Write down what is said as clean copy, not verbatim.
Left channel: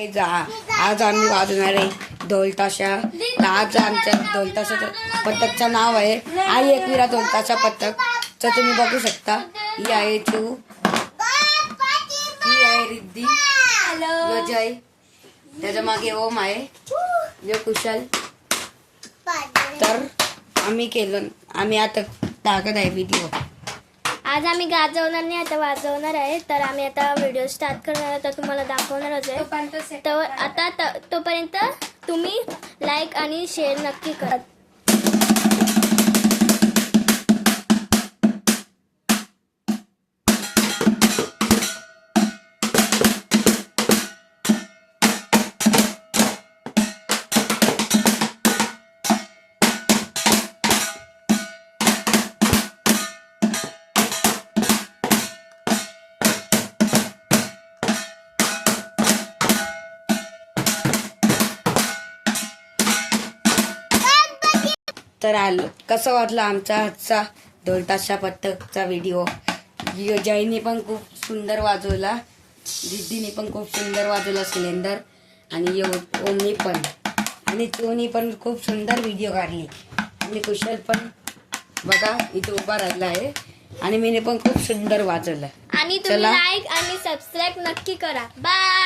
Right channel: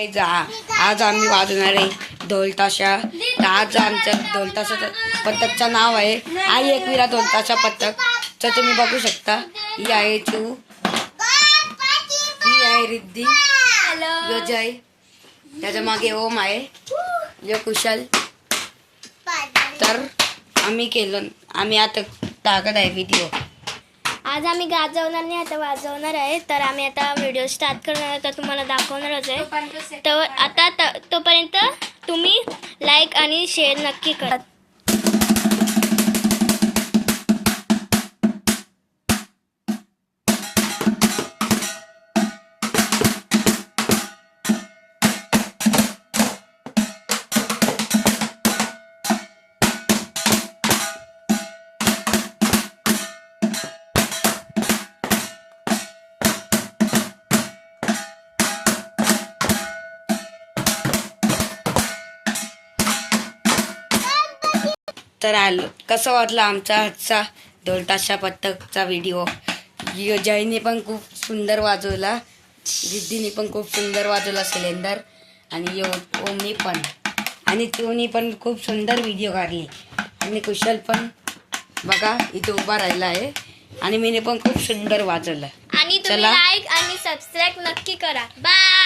आज आम्ही वाजवणार आहे ढोलताशा. तर आज आमच्या ढोलताशाचं पथकचं नाव आहे आई एकविरा ढोलताशा पथक. तर तुम्ही बघू शकता, ही आहे तू, ही आहे रिद्धी, यो जय, त्याच्या मागे ओम आहे, यो कुशल. तर आम्ही आता टाकत आहे व्हिडिओ. आज आम्ही गाजवणार नाही, आता वाजवणार आहे. तर आम्ही आता व्हिडिओ स्टार्ट करणार आहे, तर तुम्हाला दाखवणारच आहे. तर आता तोपर्यंत तुम्ही लाईक आणि शेअर नक्की करा. तर कसं वाटलं आमचा आजचा ढोलताशा पथकचा व्हिडिओ. जयने पण खूप सुंदर वाजवला, रिद्धीने पण खूप सुंदर वाजवला सिलेंडर, आणि ओमनी पण, आणि तोनी पण खूप सुंदर व्हिडिओ काढली. आणि कुशल पण बघा इथे उभा राहिला आहे, आणि मीने पण खूप सुंदर वाजवलं. आणि तुम्ही लाईक आणि सबस्क्राईब नक्की करा. बाय.